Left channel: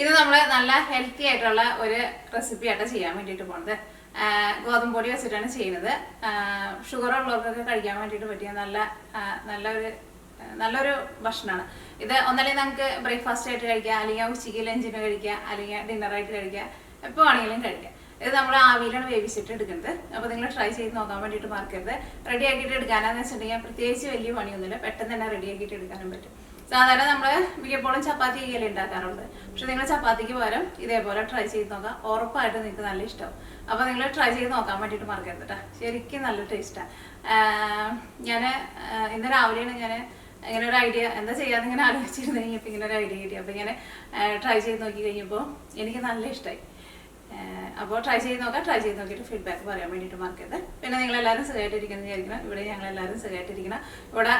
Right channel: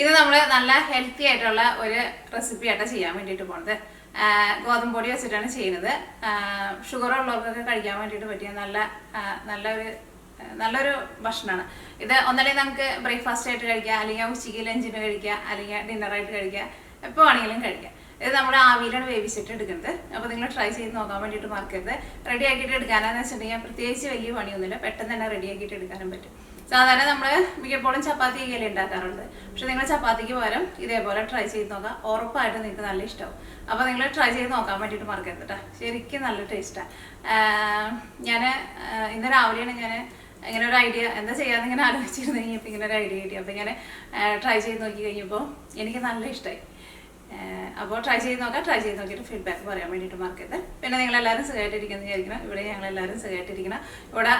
ഇത് നമ്മൾ നല്ല ഹെൽത്തി ആയിട്ടുള്ള ഒരു റെസിപ്പി ആയിട്ട് ചെയ്യാൻ വേണ്ടിയിട്ട് പോകുന്നത്. ഗോതമ്പ് പൊടി വെച്ചിട്ടാണ് ചെയ്യുന്നത്. ഷുഗർ ഉള്ളവർക്കൊക്കെ കഴിക്കാൻ വേണ്ടിയിട്ട് പറ്റിയ നല്ലൊരു ഭക്ഷണമാണ് ഇത്. ഒന്നല്ലെങ്കിൽ നമുക്ക് ബ്രേക്ക്ഫാസ്റ്റ് ആയിട്ട് കഴിക്കാം, അല്ലെങ്കിൽ ഉച്ചയ്ക്ക് ലഞ്ചിന് കഴിക്കാം, അല്ലെങ്കിൽ ഡിന്നറായിട്ട് കഴിക്കാം, എപ്പോൾ വേണമെങ്കിലും കഴിക്കാം. ഇത് നമ്മൾ ആവിയിലാണ് വേവിച്ചിട്ട് എടുക്കുന്നത്. അപ്പോൾ നിങ്ങൾ ട്രൈ ചെയ്ത് നോക്കാൻ വേണ്ടിയിട്ട് മറക്കരുത്. റെഡി ആക്കിയിട്ട് എടുക്കാനാന്ന് വെച്ചിട്ടുണ്ടെങ്കിൽ പ്രത്യേകിച്ച് വലിയ പണിയൊന്നുമില്ല, പെട്ടെന്ന് തന്നെ റെഡി ആക്കിയിട്ട് എടുക്കാനും പറ്റും. സാധാരണ നമ്മൾ മിക്കപ്പോഴും ചപ്പാത്തി ഇങ്ങനെ ഉണ്ടാക്കാറുണ്ട്. പക്ഷെ നിങ്ങൾ ചപ്പാത്തിക്ക് പകരം ഇതേപോലെ ട്രൈ ചെയ്ത് നോക്കാം, ഉറപ്പായിട്ട് നിങ്ങൾക്ക് നല്ല ഇഷ്ടമാവും. അപ്പോൾ നിങ്ങൾ ട്രൈ ചെയ്ത് നോക്കാൻ വേണ്ടിയിട്ട് മറക്കരുത് കേട്ടോ. ശരിക്കും നല്ല ടേസ്റ്റാണ്. ഞാൻ ഇന്ന് രാവിലെയാണ് ഞാൻ ഇങ്ങനെ ഒരു ഐഡിയ എന്താ ചെയ്യാമെന്ന് ഇങ്ങനെ ആലോചിച്ചിരുന്നു കഴിഞ്ഞപ്പോൾ ഇങ്ങനെ ഒരു ഐഡിയ കിട്ടി. അപ്പോൾ ഇങ്ങനെ ട്രൈ ചെയ്ത് നോക്കി കഴിഞ്ഞപ്പോൾ എനിക്ക് നല്ല ഇഷ്ടമായി. അപ്പോൾ ട്രൈ ചെയ്ത് നോക്കിയിട്ട് ഫീഡ്ബാക്ക് പറയാൻ വേണ്ടിയിട്ട് മറക്കരുത്. പിന്നെ നിങ്ങളെല്ലാവരും സുഖമായിട്ടിരിക്കുന്നത് വിചാരിക്കണം. ഇവിടെ ഞങ്ങളെല്ലാവരും സുഖമായിട്ടിരിക്കണം. ഇവിടെ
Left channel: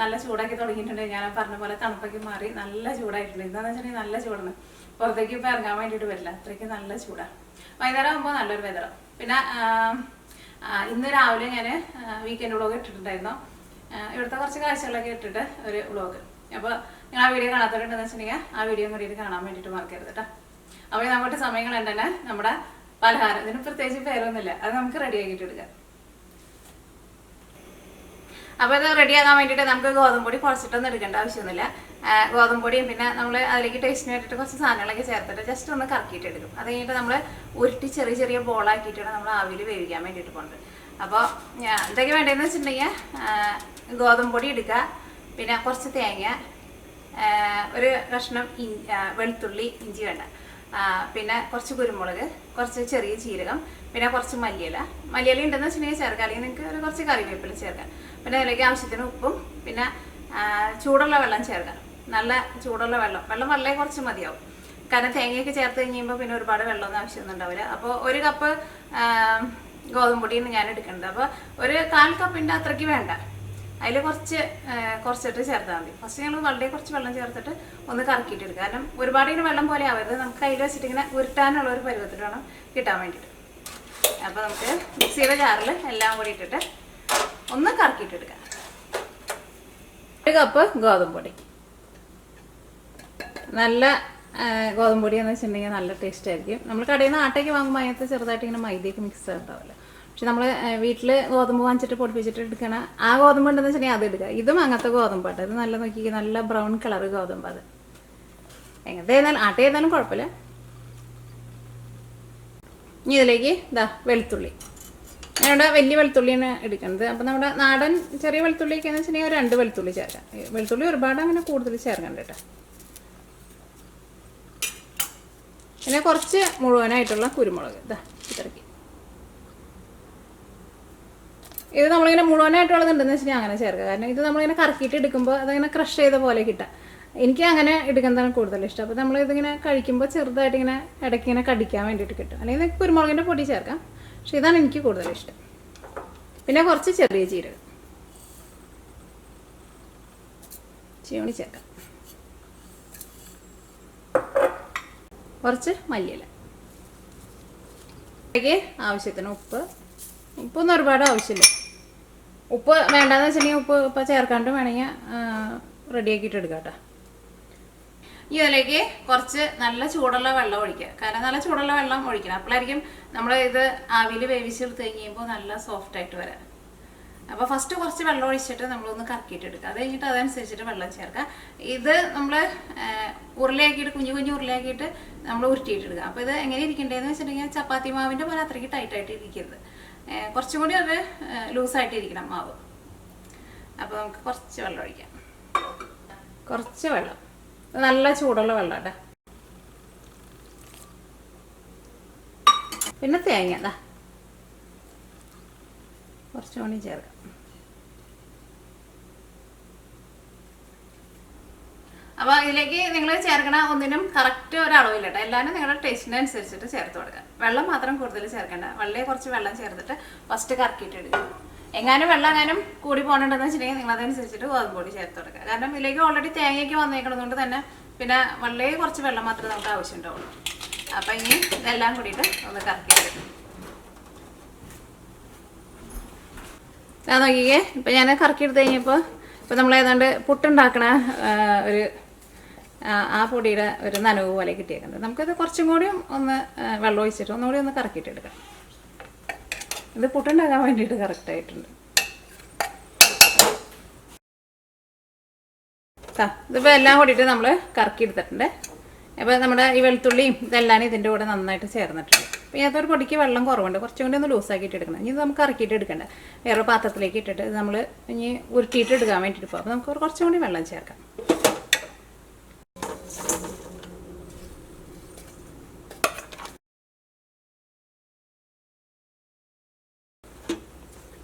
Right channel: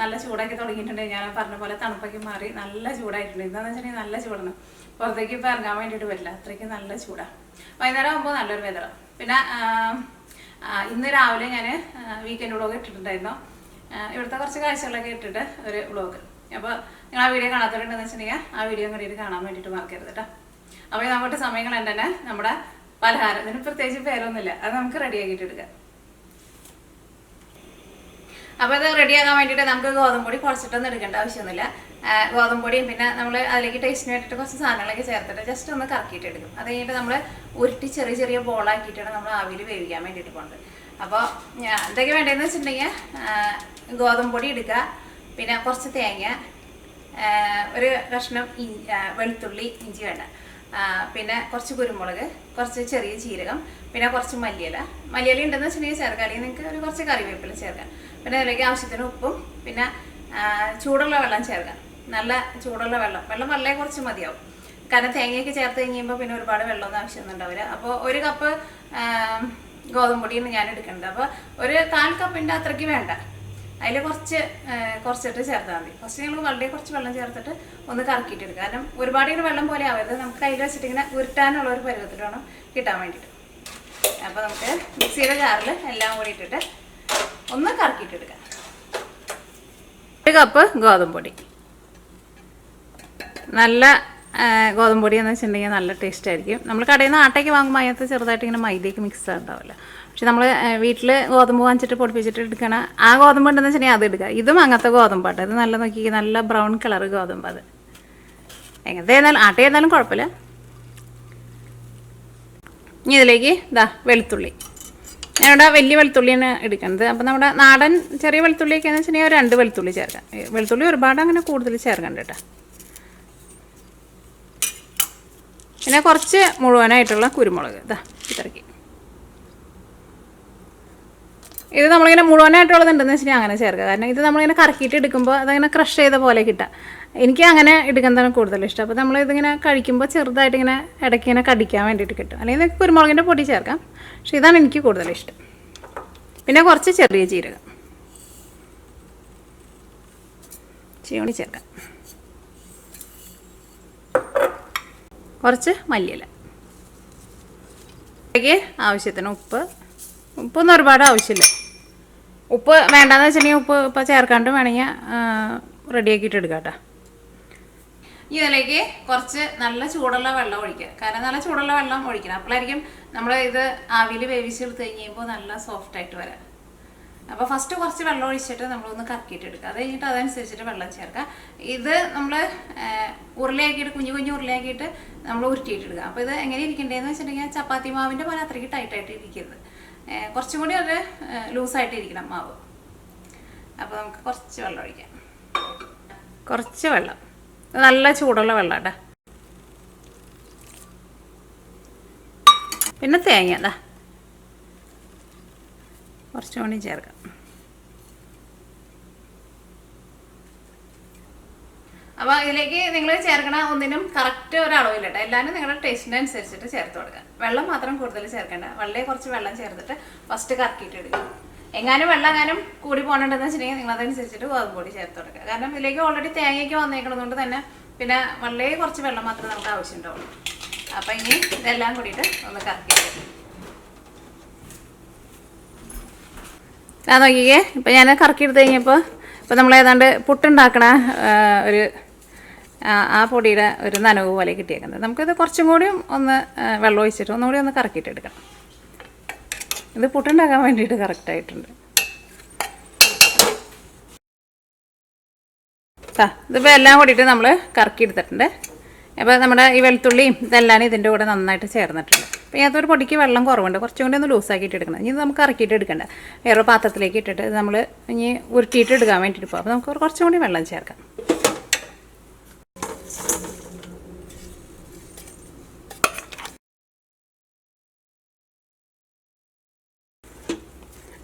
നല്ല ചൂടാക്കി തുടങ്ങിയിട്ടുണ്ട്. ഞാൻ പറഞ്ഞ പോലെ തണുപ്പൊക്കെ മാറി നല്ല ചൂടായിട്ടുണ്ട്. എന്താണെന്ന് വെച്ചിട്ടുണ്ടെങ്കിൽ നല്ല ചൂടാണ്. പുറത്തേക്ക് ഇപ്പോൾ ഇറങ്ങാൻ വേണ്ടിയിട്ട് പറ്റില്ല, അത്രയ്ക്ക് നല്ല ചൂടാണ്. വൈകുന്നേരം ആകുമ്പോൾ നല്ലൊരു വെതറാണ്. പിന്നെ ഇന്ന് രാവിലെ ഞാൻ വീക്കെൻഡ് വ്ളോഗ് ഇട്ടിട്ടുണ്ടായിരുന്നു. ഇവിടുത്തെ കുറച്ച് കാഴ്ചകളൊക്കെ ഇട്ടിട്ട് ഒരു വ്ളോഗ്. അപ്പോൾ നിങ്ങൾ ആ വീഡിയോ കാണാത്തവരുണ്ടെന്ന് വെച്ചിട്ടുണ്ടെങ്കിൽ ആ വീഡിയോ കൂടിയിട്ട് കാണാൻ വേണ്ടിയിട്ട് മറക്കരുത് കേട്ടോ. അപ്പോൾ നമ്മുടെ സമയങ്ങൾ തന്നെ നമ്മുടെ പലഹാരം, ഇതിന് പ്രത്യേകിച്ച് പേരൊന്നുമില്ല, അത് നമുക്ക് റെഡിയാക്കിയിട്ട് എടുക്കാം. അപ്പോൾ ഇത് റെഡിയാക്കാൻ വേണ്ടിയിട്ട് നമുക്ക് ഗോതമ്പൊടി കുഴച്ചിട്ടൊന്നും എടുക്കേണ്ട ആവശ്യമൊന്നുമില്ല. ഗോതമ്പൊടിയും പിന്നെ നമ്മൾ അതിലേക്ക് ടേസ്റ്റിന് വേണ്ടിയിട്ട് കുറച്ച് സാധനങ്ങളൊക്കെ ചേർത്തിട്ട് ജസ്റ്റ് ഒന്ന് കറക്കിയിട്ട് എടുക്കും. അത് കഴിഞ്ഞിട്ട് നമ്മൾ ഉരുട്ടി ചെറിയ ചെറിയ ബോളാക്കിയിട്ടാണ് നമ്മൾ ആവിയിൽ വേവിക്കാൻ വേണ്ടിയിട്ട് പോകുന്നത്. അപ്പോൾ എന്തൊക്കെ വേണ്ടതെന്ന് വെച്ചിട്ടുണ്ടെങ്കിൽ ഗോതമ്പൊടി എടുക്കുക, പിന്നെ കുറച്ച് തേങ്ങ, ഒരു കഷ്ണം വെളുത്തുള്ളി, ഇഞ്ചി വേണ്ട, പിന്നെ കുറച്ച് കുരുമുളക്, കുറച്ച് ചെറിയ ജീരകം, പിന്നെ കുറച്ച് മല്ലിയില ഉണ്ടെന്ന് വെച്ചിട്ടുണ്ടെങ്കിൽ ചേർക്കാം, അല്ലെങ്കിൽ നിങ്ങൾക്ക് ഒരു കുറച്ച് കറിവേപ്പില ചേർക്കാം. പിന്നെ അതിലേക്ക് ആവശ്യത്തിന് ഉപ്പും പിന്നെ ചൂടുള്ള വെള്ളം ചേർക്കാം. നല്ല ചൂടുള്ള വെള്ളം വളരെ കുറച്ച് മതിയാവും. കാരണം തേങ്ങയൊക്കെ ചേർത്ത് കഴിയുമ്പോൾ പിന്നെ ഒരുപാട് വെള്ളമൊന്നും ആവശ്യമൊന്നും ഉണ്ടാവില്ല. അപ്പോൾ ഒരു കപ്പ് ഗോതമ്പൊടിയാണ് ഞാൻ എടുക്കേണ്ടത്. അപ്പോൾ ഒരു 1/4 കപ്പിൻ്റെ അത്രയ്ക്ക് വേണ്ട, അതിൽ കുറച്ചിട്ട് ചേർത്താൽ മതി. ഫസ്റ്റ് ഞങ്ങൾ വളരെ കുറച്ച് വെള്ളം ചേർത്തിട്ട് ഒന്ന് കറക്കിയിട്ട് എടുക്കുക. കാരണം ഒരുപാട് ഇങ്ങനെ വെള്ളം പോലെ ആവരുത്, നമുക്ക് കയ്യിൽ വെച്ചിട്ട് ഇങ്ങനെ ഉരുട്ടാനുള്ള ഒരു പരുവത്തിൽ വേണം കിട്ടാൻ വേണ്ടിയിട്ട്. അപ്പോൾ നമുക്ക് മിക്സിയുടെ ജാറിൽ എല്ലാം കൂടി ഇട്ടിട്ട് ഒന്ന് കറക്കിയിട്ട് എടുക്കാം. 1 കപ്പ് ഗോതമ്പൊടി. നല്ല ഗോതമ്പൊടി എന്ന് വെച്ചിട്ടുണ്ടെങ്കിൽ നല്ല ടേസ്റ്റ് ആയിരിക്കും. നമ്മൾ കടയിൽ നിന്ന് ആട്ടയ്ക്ക് വാങ്ങുമ്പോൾ അതിനകത്ത് ചെറുതായിട്ട് ഇങ്ങനെ മൈദയൊക്കെ മിക്സ് ഉണ്ടാവില്ല. പക്ഷെ നമ്മൾ വീട്ടിൽ ഗോതമ്പ് വാങ്ങിച്ചിട്ട് പൊടിപ്പിച്ചിട്ട് എടുക്കണ ആ ഗോതമ്പ് ഉണ്ടെന്ന് വെച്ചിട്ടുണ്ടെങ്കിൽ അത് എടുക്കുക. ഇതും അങ്ങനത്തെ ഗോതമ്പാട്ടോ. ഇത് നല്ല നോക്കി നല്ല ബ്രൗൺ കളർ ഗോതമ്പ്. അത് എങ്ങനത്തെ ആയിരുന്നാലും ആട്ടയായിരുന്നാലും കുഴപ്പമില്ല. ഇനി ഇതിലേക്ക് വെളുത്തുള്ളി. ഞാനിവിടെ വലിയ വെളുത്തുള്ളിയാണ് എടുക്കുന്നത്. അപ്പം നമ്മുടെ നാടൻ ചെറിയ വെളുത്തുള്ളിയൊക്കെ എന്ന് വെച്ചിട്ടുണ്ടെങ്കിൽ 2 വെളുത്തുള്ളി ചേർക്കാം. വെളുത്തുള്ളി ഒരുപാട് അങ്ങനെ കൂടുതൽ ചേർക്കണ്ട കേട്ടോ. പിന്നെ കുറച്ച് മുഴുവനായിട്ടുള്ള കുരുമുളക് ഇത്രയ്ക്ക്. ഇത് നമ്മളിങ്ങനെ മുഴുവനായിട്ടുള്ളതുണ്ടെന്ന് വെച്ചിട്ടുണ്ടെങ്കിൽ അങ്ങനെ ചേർക്കുക. കാരണം ഇത് നമ്മളിങ്ങനെ കറക്കിയിട്ട് എടുക്കുമ്പോൾ അതങ്ങനെ ക്രഷ് ചെയ്ത പോലെ കിട്ടുക. എനിക്ക് അങ്ങനെ എടുക്കുന്നതാണ് കൂടുതൽ ഇഷ്ടം. അപ്പോൾ നമ്മളിതിങ്ങനെ കഴിക്കുമ്പോൾ ചെറുതായിട്ട് ഇങ്ങനെ ഇടയ്ക്ക് ഇങ്ങനെ കടിക്കാൻ വേണ്ടിയിട്ട് കിട്ടും. അല്ലെങ്കിൽ കുരുമുളകിൻ്റെ പൊടി ചേർക്കാം, പക്ഷേ ഇതാണ് എനിക്ക് കൂടുതൽ ഇഷ്ടം. പിന്നെ കുറച്ച് ചെറിയ ജീരകം ചീവണി ചേർക്കാം. കുറച്ച് മല്ലിയില, ആവശ്യത്തിന് ഉപ്പൊന്നും ഒരുപാട് ആവശ്യമില്ല. ഉപ്പ് വേണ്ടെന്ന് വെച്ചിട്ടുണ്ടെങ്കിൽ ഉപ്പ് ഇപ്പോൾ ചേർക്കാണ്ട് വേണമെങ്കിൽ റെഡിയാക്കിയിട്ട് എടുക്കാം കേട്ടോ. ഇതിലേക്ക് കുറച്ച് നല്ല ചൂടുള്ള വെള്ളം ഒഴിക്കുക. കാരണം നല്ല ചൂടുള്ള വെള്ളം ഒഴിക്കണം, അപ്പോഴായിരിക്കും നമ്മൾ ഇത് ആവിയിൽ വേവിച്ചെടുത്ത് കഴിയുമ്പോൾ നല്ല സോഫ്റ്റായിട്ട് വരാം. അപ്പോൾ ഫസ്റ്റ് കുറച്ച് വെള്ളം ഒഴിച്ചിട്ട് നമ്മളൊന്ന് കറക്കിയിട്ട് എടുക്കുക. അത് കഴിഞ്ഞിട്ട് അതനുസരിച്ചിട്ട് വെള്ളം ചേർക്കുക. ഇത് നമ്മൾ ഉരുളയാക്കിയിട്ട് കുഞ്ഞു ഉരുളയാക്കിയിട്ട് നമ്മൾ ഉരുട്ടിയിട്ടെടുക്കുക. അപ്പോൾ ഇത് എങ്ങനെ ഇരിക്കേണ്ടതെന്ന് വെച്ചിട്ടുണ്ടെങ്കിൽ ചപ്പാത്തി മാവിൻ്റെ പോലെ അത്രയ്ക്ക് ടൈറ്റായിട്ട് ഇരിക്കരുത്, കുറച്ചും കൂടി അത് ലൂസായിട്ട് ഇരിക്കണം മാവ്. അപ്പോൾ നമുക്ക് കുറച്ച് വെള്ളം ഒഴിക്കാം. കുറച്ച് വെള്ളം, നല്ല ചൂടുള്ള വെള്ളം കേട്ടോ. പിന്നെ തേങ്ങ കുറച്ചും കൂടി ചേർക്കാം. അപ്പോൾ ഇതിലേക്ക് നിങ്ങൾ ചേർക്കണ ഒന്നിനും കറക്റ്റ് ഒരളവില്ല കേട്ടോ. എല്ലാവരും നിങ്ങളുടെ ടേസ്റ്റിനനുസരിച്ചിട്ട് ചേർത്ത് കൊടുക്കുക. വെള്ളം മാത്രം കൂടുതൽ ചേർക്കേണ്ട, വളരെ കുറച്ച് വെള്ളം ചേർത്തിട്ട് ഫസ്റ്റ് കറക്കിയിട്ട് എടുക്കുക. വെള്ളം കൂടി പോകണമെന്ന് വെച്ചിട്ടുണ്ടെങ്കിൽ നിങ്ങൾ അതനുസരിച്ചിട്ട് ഗോതമ്പൊടി ചേർത്ത് കൊടുക്കുക. കാരണം ഇതിലേക്ക് ഓൾറെഡി തേങ്ങയ്ക്ക് വന്നേക്കുന്നതുകൊണ്ട് തന്നെ പിന്നെ വളരെ കുറച്ച് വെള്ളം മാത്രമേ നമുക്ക് ആവശ്യമുണ്ടാവുള്ളൂ. അപ്പം ഇനി ഇതെല്ലാം കൂടിയിട്ട് ഒന്ന് കറക്കിയിട്ട് ഞാൻ നോക്കിക്കേ. ഇപ്പം ഞാൻ കറക്കിയെടുത്ത് കഴിഞ്ഞപ്പോൾ ഇപ്പോൾ നമ്മൾ ഏതാണ്ട് പുട്ടുണ്ടാക്കണ ഒരു ആ പൊടിയുടെ ഒരു നനവ് പോലെ കിട്ടിയേക്കുന്നത്. നമുക്കിത് കുറച്ചും കൂടിയും ഒന്ന് വെള്ളം ഒഴിച്ചിട്ട് ഒന്നുകൂടി ഒന്ന് കറക്കിയിട്ടെടുക്കണം. ഇത് പുട്ടുണ്ടാക്കാൻ വേണ്ടിയിട്ട് കറക്റ്റായിട്ടുണ്ട്. ഇതിപ്പോൾ എല്ലാം കൂടിയിട്ട് നമ്മൾ കറക്കി എടുത്തിട്ടുണ്ട്. അപ്പോൾ നമ്മുടെ ഈ വെളുത്തുള്ളിയും ഇതെല്ലാം ഇതിൻ്റെ കൂടെ നന്നായിട്ട് ചേർന്നിട്ടുണ്ട്. അപ്പോൾ ഇതിനകത്തൊരു പൊടിക്ക് വെള്ളം കുറവുണ്ട്, കുറച്ചും കൂടി ഒന്ന് ലൂസാക്കിയിട്ട് എടുക്കണം. ഇനി നമുക്ക് ഇറക്കിയിട്ട് എടുക്കണ്ട, വേറെ പാത്രത്തിലേക്ക് ഇട്ടിട്ട് നമ്മൾ ഇനി ഉരുട്ടിയിട്ട് എടുക്കാൻ വേണ്ടിയിട്ട് പോകും. അപ്പോൾ നമുക്ക് കുറച്ചും കൂടി വെള്ളം ചേർക്കാം.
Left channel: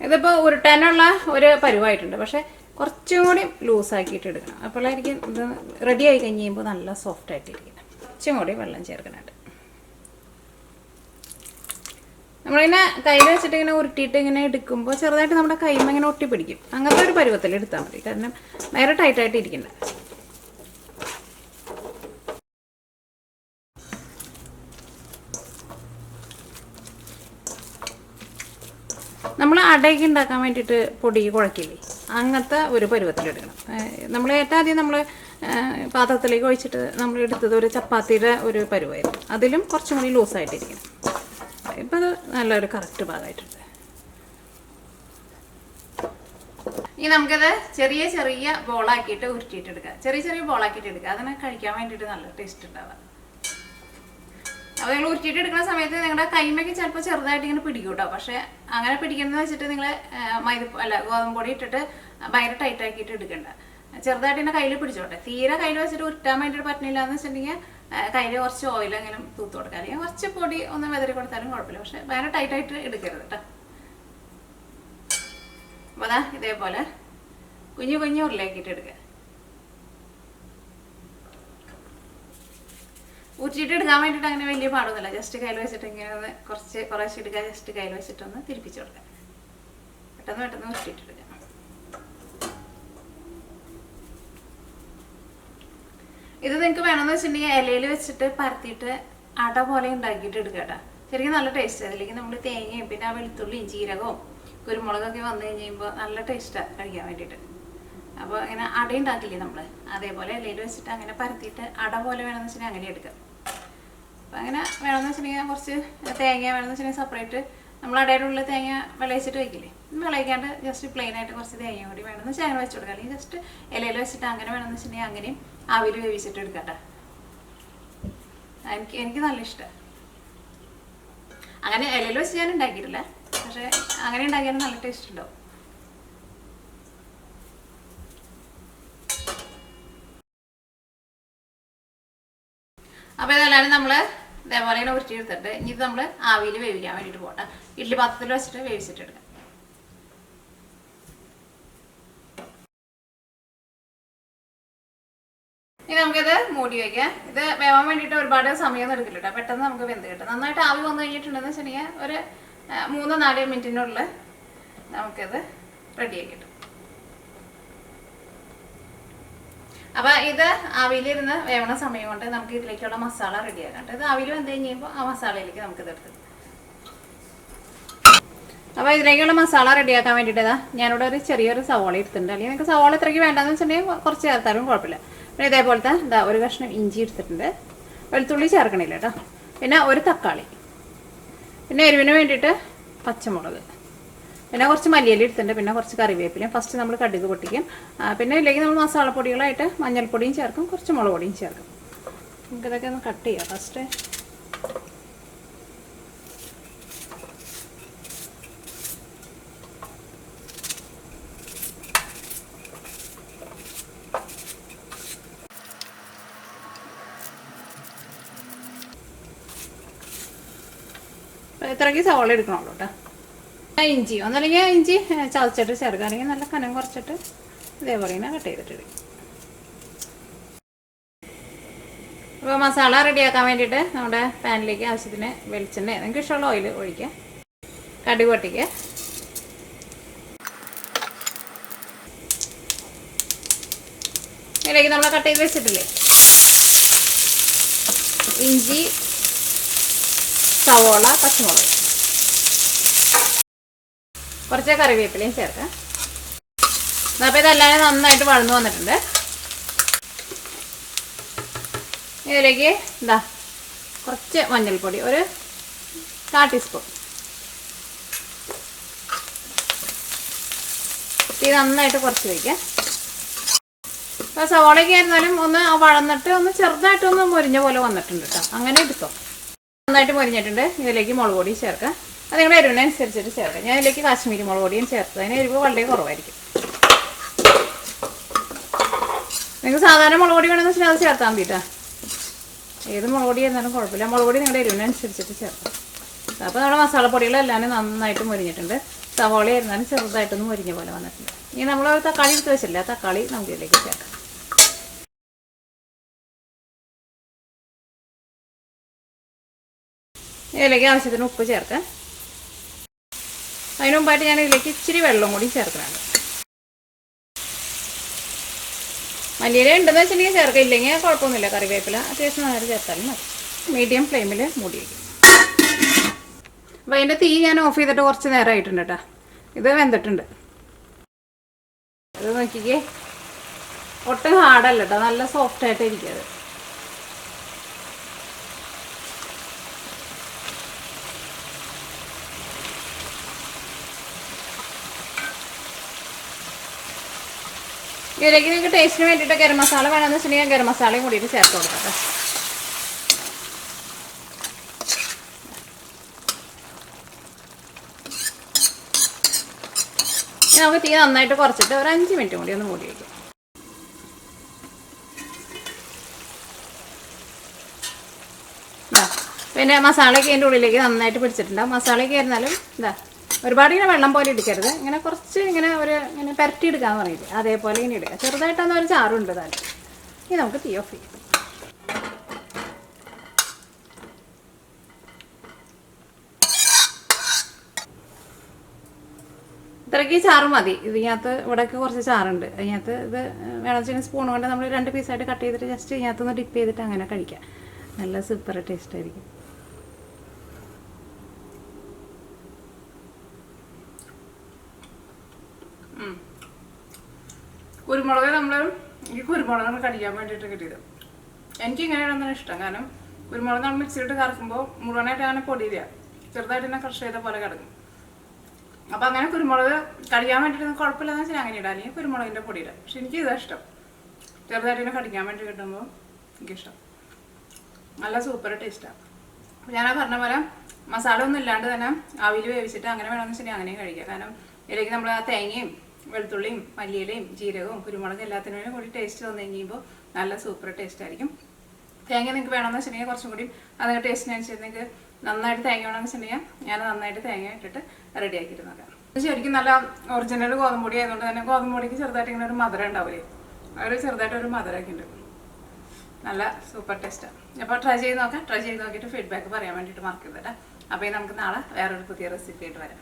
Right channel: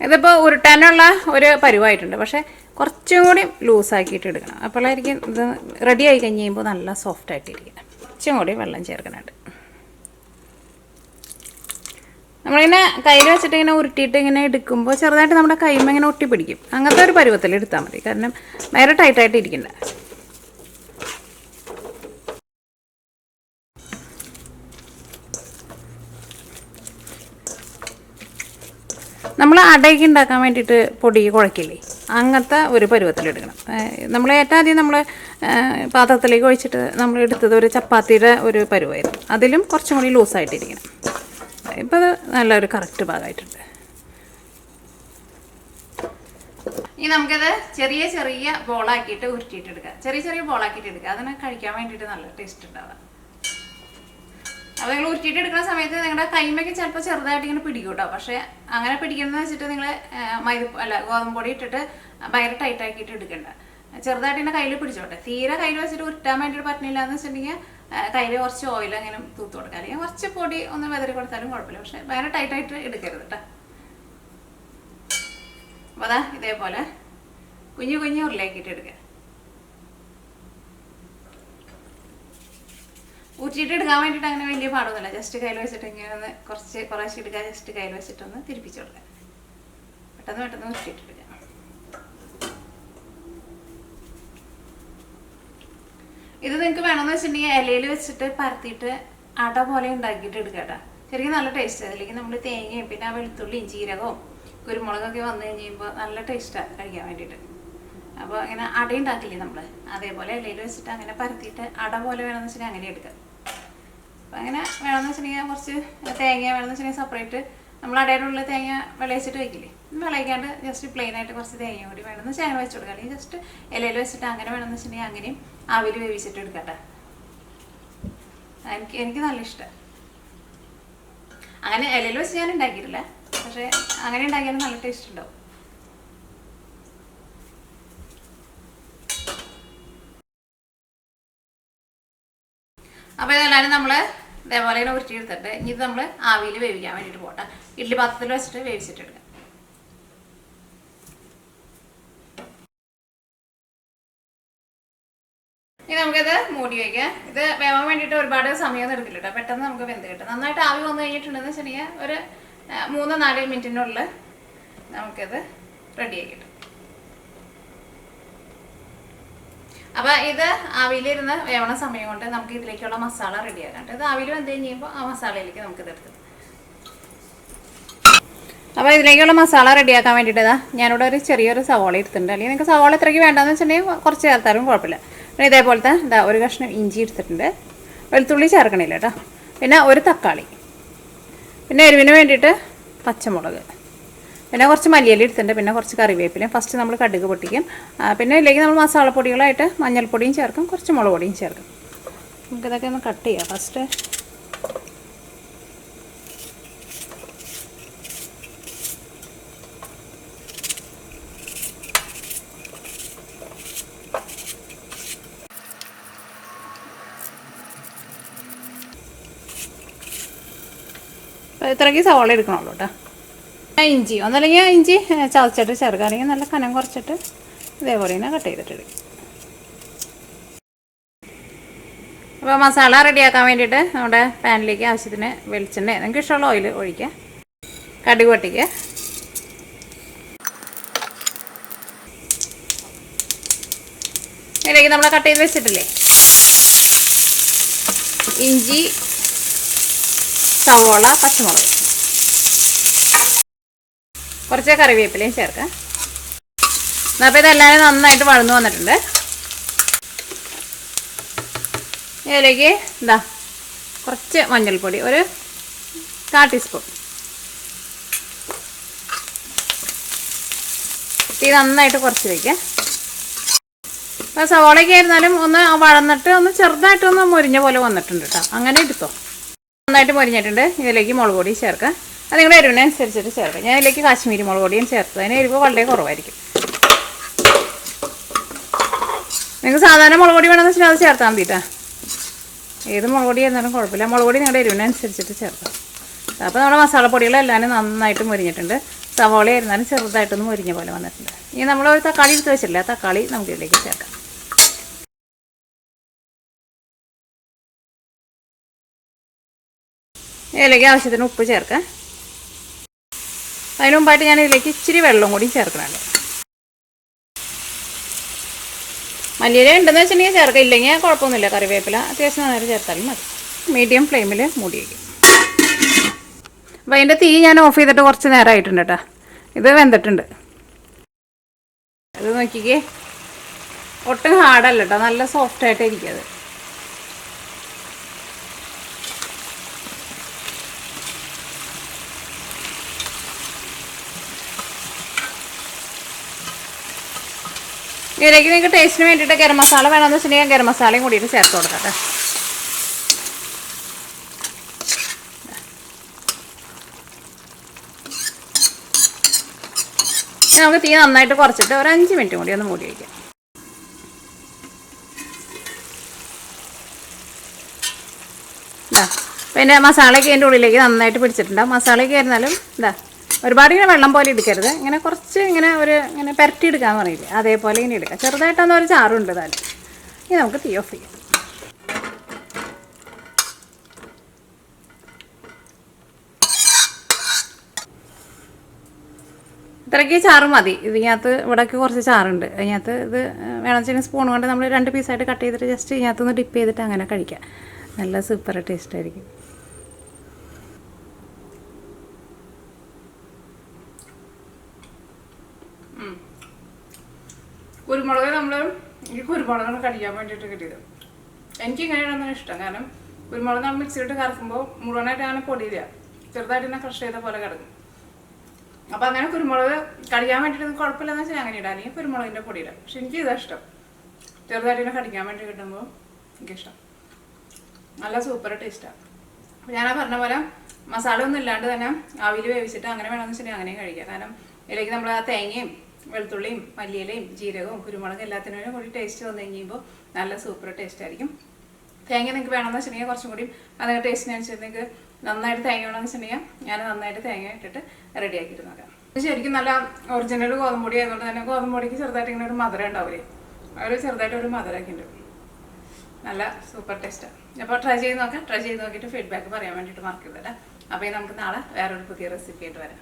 ഇതിപ്പോൾ ഉരുട്ടാനുള്ള ഒരു പരുവായിട്ടുണ്ട്, പക്ഷേ കുറച്ചും കൂടി ലൂസാക്കിയിട്ട് എടുക്കണം. അപ്പോഴായിരിക്കും ഇത് റെഡി ആയി കഴിഞ്ഞ് കഴിയുമ്പോൾ നല്ല സോഫ്റ്റായിട്ടിരിക്കും. കുറച്ചും കൂടി വെള്ളം ചേർക്കാനായിട്ട് നമ്മളിങ്ങനെ കയ്യിൽ വെച്ചിട്ട് ഇങ്ങനെ ഉരുട്ടിയിട്ട് ഇങ്ങനെ എടുക്കുമ്പോൾ ചെറുതായിട്ട് നമ്മുടെ കൈമ ഇങ്ങനെ ഒട്ടിപ്പിടിക്കും. അങ്ങനത്തെ ഒരു പരുവത്തിൽ എടുത്താൽ മതി, കാരണം വേറെ ടൈറ്റായിട്ട് ഇരിക്കണ്ട. നമ്മൾ അടയൊക്കെ ഉണ്ടാക്കാൻ വേണ്ടിയിട്ട് പൊടി കുഴക്കില്ലേ, അങ്ങനത്തെ ഒരു പരുവത്തിലെടുക്കണം. നമ്മൾ ഏറ്റവും ആദ്യം നമ്മൾ പാത്രത്തിലേക്ക് ഒഴിച്ചിട്ട് നമ്മൾ എടുത്തത് ഒരു ചപ്പാത്തിയുടെ ഒരു പരുവായിരുന്നു. അതിലും കുറച്ചും കൂടി ലൂസായിട്ടിരിക്കണം. ഇപ്പോൾ അത് നല്ലൊരു കറക്റ്റ് ഭാഗമായിട്ടുണ്ട്. ഇനി നമുക്കത് ചെറിയ ചെറിയ ബോളാക്കിയിട്ട് ഉരുട്ടിയിട്ടെടുക്കുക. ചെറിയ ചെറിയ ബോളാക്കിയിട്ട് എടുക്കുക. അതിനെ കഴിക്കാൻ വേണ്ടിയിട്ട് നല്ല ടേസ്റ്റ് ഉണ്ടാവുക. അപ്പോൾ നിങ്ങൾ ഉരുട്ടിയിട്ട് എടുക്കുന്ന സമയത്ത് നിങ്ങളുടെ കൈമയ്ക്ക് ചിലപ്പോൾ ചെറുതായിട്ട് ഇങ്ങനെ പിടിക്കും കേട്ടോ. പക്ഷേ അങ്ങനെ പിടിക്കുന്നത് വെച്ചിട്ട് നിങ്ങൾ ഗോതമ്പ് പൊടി ഇട്ടിട്ട് ഭയങ്കര ടൈറ്റ് ആക്കിയിട്ട് എടുക്കണ്ട. ചെറുതായിട്ട് ഇങ്ങനെ കയ്യിൽ പിടിച്ചോട്ടെ. തീരെ കയ്യിൽ വെച്ചിട്ട് ഉരുട്ടാൻ വേണ്ടിയിട്ട് പറ്റുന്നില്ല എന്ന് വെച്ചിട്ടുണ്ടെങ്കിൽ കയ്യിൽ കുറച്ച് ഓയിൽ അങ്ങനെ തൂത്ത് കൊടുക്കുക, അല്ലെങ്കിൽ കുറച്ച് പൊടി ഒന്ന് വെതറി കൊടുത്താലും കുഴപ്പമില്ല. പക്ഷേ ഭയങ്കര ടൈറ്റായിട്ട് എടുക്കരുത് കേട്ടോ. അപ്പോൾ അതാ ഇതേപോലെ കുഞ്ഞു കുഞ്ഞു ഉരുളയാക്കിയിട്ട് എടുക്കുക. ഊറ്റിയിട്ട് എടുക്കാൻ വേണ്ടിയിട്ട് അങ്ങനെ വലിയ പാടൊന്നുമില്ല. ജസ്റ്റ് കയ്യിൽ വെച്ചിട്ട് ഇങ്ങനെ ഒന്ന് കുറേശ്ശെ എടുക്കുക. ജസ്റ്റ് കയ്യിൽ വെച്ചിട്ടൊന്ന് തിരിപ്പിച്ച് കൊടുക്കുക. പെട്ടെന്ന് പെട്ടെന്ന് ഊറ്റിയിട്ടെടുക്കുക. ഇത് നിങ്ങൾക്ക് വേണമെന്ന് വെച്ചിട്ടുണ്ടെങ്കിൽ ഇലയിൽ വെച്ചിട്ട് പരത്തിയിട്ട് അട പോലെ ഉണ്ടാക്കിയിട്ട് എടുക്കുക കേട്ടോ. ശരിക്കും നല്ല ടേസ്റ്റ്. അതിലേക്ക് നമ്മൾ തേങ്ങയും പിന്നെ ആ വെളുത്തുള്ളിയും ജീരകവും കുരുമുളകൊക്കെ വന്നു കഴിയുമ്പോൾ നല്ല ടേസ്റ്റാണ് കഴിക്കാൻ വേണ്ടിയിട്ട്. അപ്പോൾ അങ്ങനെ അട ഉണ്ടാക്കില്ലേ നമ്മൾ, അതേപോലെ ഇലയിൽ വെച്ചിട്ട് അങ്ങനെ പരത്തിയിട്ട് അട പോലെ വേണമെന്ന് വെച്ചിട്ടുണ്ടെങ്കിൽ അങ്ങനെ എടുക്കുക. അപ്പോൾ അങ്ങനെ വേണമെന്ന് വെച്ചിട്ടുണ്ടെങ്കിൽ കുറച്ച് തേങ്ങ വേണമെന്ന് വെച്ചിട്ടുണ്ടെങ്കിൽ സെപ്പറേറ്റ് നമ്മൾ അടയുടെ ഉള്ളിൽ തേങ്ങ വിളയിച്ചിട്ട് വയ്ക്കില്ലേ, വിളയിക്കാണ്ട് ജസ്റ്റ് പ്ലെയിൻ ആയിട്ട് കുറച്ച് തേങ്ങ കൂടി വേണമെന്ന് വെച്ചാൽ അങ്ങനെ വെച്ച് കൊടുക്കുക. അല്ലെങ്കിൽ ജസ്റ്റ് ഇലയിൽ വെച്ചിട്ട് അങ്ങനെ വേണമെന്ന് വെച്ചിട്ടുണ്ടെങ്കിൽ അങ്ങനെയും ആവിയിൽ വേവിച്ചിട്ട് എടുക്കട്ടെ. എനിക്ക് നല്ല ഇഷ്ടമാണ്. അങ്ങനെ ഇലയിൽ വെച്ച് ഞാൻ ഉണ്ടാക്കിയിട്ടില്ല, പക്ഷേ അങ്ങനെ ഉണ്ടാക്കിയാലും നല്ല ടേസ്റ്റ് ഉണ്ടാവും. അപ്പോൾ ഇതെല്ലാം നമ്മൾ ഇതേപോലെ ഉരുട്ടി എടുത്തിട്ട് ഇനി ഇത് നമ്മൾ ആവിയിൽ വേവിക്കാൻ വേണ്ടിയിട്ട് പോട്ടെ. ഇഡ്ഡലി പാത്രത്തിൽ വെച്ചിട്ട് വേവിച്ചിട്ടെടുക്കാം. ഇനി നമുക്കിത് മൂടി വയ്ക്കാം. ഇത് വേവാൻ വേണ്ടിയിട്ട് ഒരുപാട് സമയമൊന്നും എടുക്കില്ല കേട്ടോ. പെട്ടെന്ന് നമുക്ക് വെന്ത് കിട്ടും. നന്നായിട്ട് ആവി വന്നു കഴിഞ്ഞിട്ടുണ്ടെന്ന് വെച്ചിട്ടുണ്ടെങ്കിൽ ഒരു 3-4 മിനിറ്റിനുള്ളിൽ നമുക്കിത് റെഡിയാക്കി കിട്ടും. അപ്പോൾ ഇത് ആവിയിലിരുന്ന് വേവണ സമയം കൊണ്ട് നമുക്ക് ഇതിലേക്കുള്ള മസാല റെഡിയാക്കാം. ഇത് ആവിയിൽ വെന്ത് കഴിയുമ്പോൾ ആ മസാലയിലേക്ക് നമുക്കിത് എടുക്കാം. അപ്പോൾ ഇതിലേക്കുള്ള മസാല റെഡിയാക്കാൻ വേണ്ടിയിട്ട് ഞാനിവിടെ ഒരു ചെറിയൊരു സവാള എടുത്തിട്ടുണ്ട്. അല്ലെങ്കിൽ നിങ്ങൾക്ക് സവാള എത്രയ്ക്ക് വേണ്ടെന്ന് വെച്ചിട്ടുണ്ടെങ്കിൽ കുറച്ച് ചേർത്താലും കുഴപ്പമില്ല. പിന്നെ ഇതേപോലത്തെ ഒരു കഷ്ണം ഇഞ്ചി എടുത്തിട്ടുണ്ട്. വെളുത്തുള്ളി ചേർക്കണില്ല കേട്ടോ. പിന്നെ ഒരു തക്കാളി, പിന്നെ എരിവിന് വേണ്ടിയിട്ട് പച്ചമുളക്, പിന്നെ കുറച്ച് മല്ലിയില എടുത്തിട്ടുണ്ട്. പിന്നെ കുറച്ച് കറിവേപ്പിലയും. ഫസ്റ്റ് നമ്മൾ കടുക് പൊട്ടിക്കും. പിന്നെ ഇതിലേക്ക് നമ്മൾ മസാലപ്പൊടികളായിട്ട് മഞ്ഞൾപ്പൊടിയും ചേർക്കും, കുറച്ച് മുളക് പൊടിയും ചേർക്കും. നമുക്കിതൊക്കെ ഒന്ന് കട്ട് ചെയ്യാം ഫസ്റ്റ്. ഇത്രയ്ക്ക് സവാള എടുക്കണുള്ളൂ കേട്ടോ. ഇഞ്ചി ഒന്നല്ലെങ്കിൽ ഇഞ്ചി ചതച്ചിട്ട് ചേർക്കുക, അല്ലെങ്കിൽ നല്ല കനം കുറച്ചിട്ട് ഇതേപോലെ തന്നെ കട്ട് ചെയ്തിട്ട്. അപ്പോൾ മസാല റെഡിയാക്കാൻ വേണ്ടിയിട്ട് നമ്മുടെ പാനിലേക്ക് ആവശ്യത്തിന് വെളിച്ചെണ്ണ നിങ്ങൾക്ക് ഇഷ്ടമുള്ള ഓയിൽ ഒഴിക്കുക. കടുക് പൊട്ടിക്കുക. ഇതിലേക്ക് നമ്മൾ കട്ട് ചെയ്ത് വെച്ചിട്ടില്ലേ ഇഞ്ചി, സവോള, പച്ചമുളക്, കുറച്ച് കറിവേപ്പിലയും ചേർക്കാം. അപ്പോൾ ഇതെല്ലാം നന്നായിട്ട് വഴന്നു വന്നിട്ടുണ്ട്. ഇതിലേക്ക് ഇതാ കുറച്ച് മഞ്ഞൾപ്പൊടി, ഒരു 1/4 ടീസ്പൂൺ. ഇത് നന്നായിട്ട് കുറച്ച് വയ്ക്കാം. അപ്പോൾ സവാളയൊക്കെ ആയിരുന്നാലും ഒന്ന് വഴന്നിട്ട് ഒന്ന് ചെറുതായിട്ടൊന്ന് മുരിഞ്ഞ പോലെ വന്നിട്ടുണ്ട് കേട്ടോ. അങ്ങനെ എടുത്തോ. നന്നായിട്ട് മുരിഞ്ഞിട്ടുണ്ട്. ഇതിലേക്ക് മുളക് പൊടി ചേർക്കാം. അത് നിങ്ങളുടെ എരിവിനനുസരിച്ചിട്ട് ചേർക്കാം. ഞാൻ ഇതിലേക്ക് കാശ്മീരി മുളക് പൊടിയും ചേർത്ത്. അതിന് എരിവ് വളരെ കുറവായിരിക്കും. നിങ്ങൾക്ക് സാധാരണ മുളക് പൊടി വേണമെന്ന് വെച്ചാൽ അത് ചേർത്താൽ മതി കേട്ടോ. ഏത് മുളക് പൊടി ആയിരുന്നാലും കുഴപ്പമില്ല. മുളക് പൊടി നിങ്ങളുടെ എരിവിനനുസരിച്ചിട്ട് ചേർക്കാം. അപ്പോൾ നമ്മുടെ മസാലപ്പൊടികളെല്ലാം നന്നായിട്ട് മുരിഞ്ഞിട്ടുണ്ട്. സവാള ആയിരുന്നാലും ചെറുതായിട്ടൊന്ന് മുരിഞ്ഞ പോലെ വന്നിട്ടുണ്ട്. ഇനി നമ്മൾ ഒരു തക്കാളി എടുത്ത് വെച്ചിട്ടില്ല, തക്കാളി നമുക്ക് ഇതിലേക്ക് ചേർക്കാം. ഇതിലേക്ക് ആവശ്യത്തിന് ഉപ്പ് ചേർക്കാം. അതിന് മുമ്പായിട്ട് ഞാൻ ഇതിലേക്ക് ഇച്ചിരി വെള്ളം കൂടി ചേർക്കണുണ്ട്. മല്ലിയില ഉണ്ടെന്ന് വെച്ചിട്ടുണ്ടെങ്കിൽ ചേർക്കാം, ഇല്ലെങ്കിൽ കുഴപ്പമൊന്നുമില്ല. കറിവേപ്പില അത്യാവശ്യം നേരം ചേർത്താലും മതി. മീഡിയം ഫ്ലെയിമിൽ മൂടി വയ്ക്കും. അപ്പോൾ അതിൻ്റെ തീ ഞാൻ ഓഫ് ചെയ്തിട്ട് കുറച്ച് നേരമായിട്ടുണ്ട് കേട്ടോ. ഇത് വെന്തിട്ടുണ്ട്. ഇത് നോക്കിക്കേ, ഒട്ടും ഹാർഡല്ല കേട്ടോ, നല്ല സോഫ്റ്റായിട്ട് ഇരിക്കും അത്. ഇതിലേക്ക് നിങ്ങൾക്ക് ടേസ്റ്റിന് വേണ്ടിയിട്ട് ഗരം മസാല വേണമെന്ന് വെച്ചിട്ടുണ്ടെങ്കിൽ ഗരം മസാലയും കൂടിയിട്ട് ചേർത്ത് കൊടുക്കാം. നമുക്ക് തീ നന്നായിട്ട് കുറച്ചിട്ട് ഒരു 5 മിനിറ്റ് കൂടി ഒന്ന് മൂടി വയ്ക്കും. പിന്നെ മസാലയൊക്കെ അതിൻ്റെ ഉള്ളിലേക്ക് നന്നായിട്ട് പിടിച്ചിട്ടുണ്ട്. മസാലയൊക്കെ ആയിരുന്നാലും ഒരുപാട് ഇങ്ങനെ വെള്ളം പോലെ എടുക്കരുത്. ഇങ്ങനെ കുറച്ച് ഇങ്ങനെ പുരട്ടി എടുക്കാൻ പറയില്ലേ, അതേപോലെ ഇങ്ങനെ എടുക്കുക. ചെറുതായിട്ടൊന്നും ഒരു ചാറുണ്ട് താനും. ഇനി നമുക്ക് തീ ഓഫ് ചെയ്യാം. ഇത്രയ്ക്ക് ചാറ് മതി. ഇതിനകത്ത് ഇവിടേക്ക് കുറച്ച് ചാറുണ്ട്. അതിനകത്ത് ഇത് വേണമെന്ന് വെച്ചാൽ സ്പൂൺ കൊണ്ട് നമ്മൾ 2 പീസായിട്ട് കട്ട് ചെയ്തിട്ട് ജസ്റ്റ് ഇതിനകത്തൊന്ന് ഡിപ്പ് ചെയ്തിട്ട് അങ്ങനെ കഴിക്കാം. നല്ല സൂപ്പർ ടേസ്റ്റ് ആയിരിക്കും. കുരുമുളക് ഈ കുരുമുളക് കടിക്കാൻ വേണ്ടിയിട്ട് കിട്ടിയത്. എനിക്ക് ഇങ്ങനെയാണെന്നാണ് ഇഷ്ടം. കാരണം കുരുമുളക് നമ്മൾ മിക്സിയിട്ട് കറക്കുമ്പോൾ മുഴുവനായിട്ട് അങ്ങനെ പൊടിയില്ല, ചെറുതായിട്ട് തന്നെ ക്രഷ് ചെയ്ത പോലെ കിടക്കും. അപ്പോൾ അങ്ങനെ കുരുമുളക് കടിക്കാൻ വേണ്ടിയിട്ട് കുഴപ്പമില്ലെന്ന് വെച്ചാൽ അങ്ങനെ ഇടാം, അല്ലെങ്കിൽ കുരുമുളകിൻ്റെ പൊടി ഇടാം. പക്ഷെ എനിക്ക് ഇതാ ഇഷ്ടം, ചെറുതായിട്ട് തന്നെ കടിക്കാൻ വേണ്ടി കിട്ടുമ്പോൾ എനിക്കിഷ്ടം. നല്ല സൂപ്പർ ടേസ്റ്റാണ്. അപ്പോൾ ഞാൻ പറഞ്ഞ പോലെ മസാല ഒന്നും ഇല്ലാണ്ട് തന്നെ ആവിയിൽ വേവിച്ചിട്ട് അങ്ങനെ വേണമെന്ന് വെച്ചിട്ടുണ്ടെങ്കിൽ അങ്ങനെയും കഴിക്കാം. കാരണം ഇതിലേക്ക് നമ്മൾ ആ തേങ്ങയും വെളുത്തുള്ളിയും മല്ലിയിലയും ജീരകവും കുരുമുളകും എല്ലാത്തിനും കൂടി ടേസ്റ്റ് വന്നു കഴിയുമ്പോൾ നല്ല സൂപ്പർ ടേസ്റ്റ് ആയിരിക്കും. തേങ്ങ നിങ്ങൾക്ക് വേണമെന്ന് വെച്ചിട്ടുണ്ടെങ്കിൽ കുറച്ചും കൂടി അതിന് ടേസ്റ്റിനനുസരിച്ച് നിങ്ങൾക്ക് നന്നായിട്ട് തേങ്ങ വേണമെന്ന് വെച്ചിട്ടുണ്ടെങ്കിൽ ഞാൻ നന്നായിട്ട് തേങ്ങ ഇട്ടിട്ട് റെഡിയാക്കിയിട്ട് നോക്കാം. ശരിക്കും നല്ല ഒറിജിനൽ ഗോതമ്പ് പൊടി ആയതുകൊണ്ട് തന്നെ ഗോതമ്പ് പൊടിക്ക് ചെറുതായിട്ട് ഇങ്ങനെ ഒരു മധുരം ഉണ്ടാവില്ലേ, ഒരു ചെറുതായിട്ട് ഒരു മധുരമൊക്കെ ഉണ്ട്. നല്ല സൂപ്പർ ടേസ്റ്റാണ്. അപ്പോൾ ട്രൈ ചെയ്ത് നോക്കാം. ട്രൈ ചെയ്ത് നോക്കിയിട്ട് ഫീഡ്ബാക്ക് പറയാൻ വേണ്ടിയിട്ട് മറക്കരുത് കേട്ടോ. അപ്പോൾ നമുക്ക് നാളെ വേറൊരു പുതിയ റെസിപ്പി ആയിട്ട് വരാം.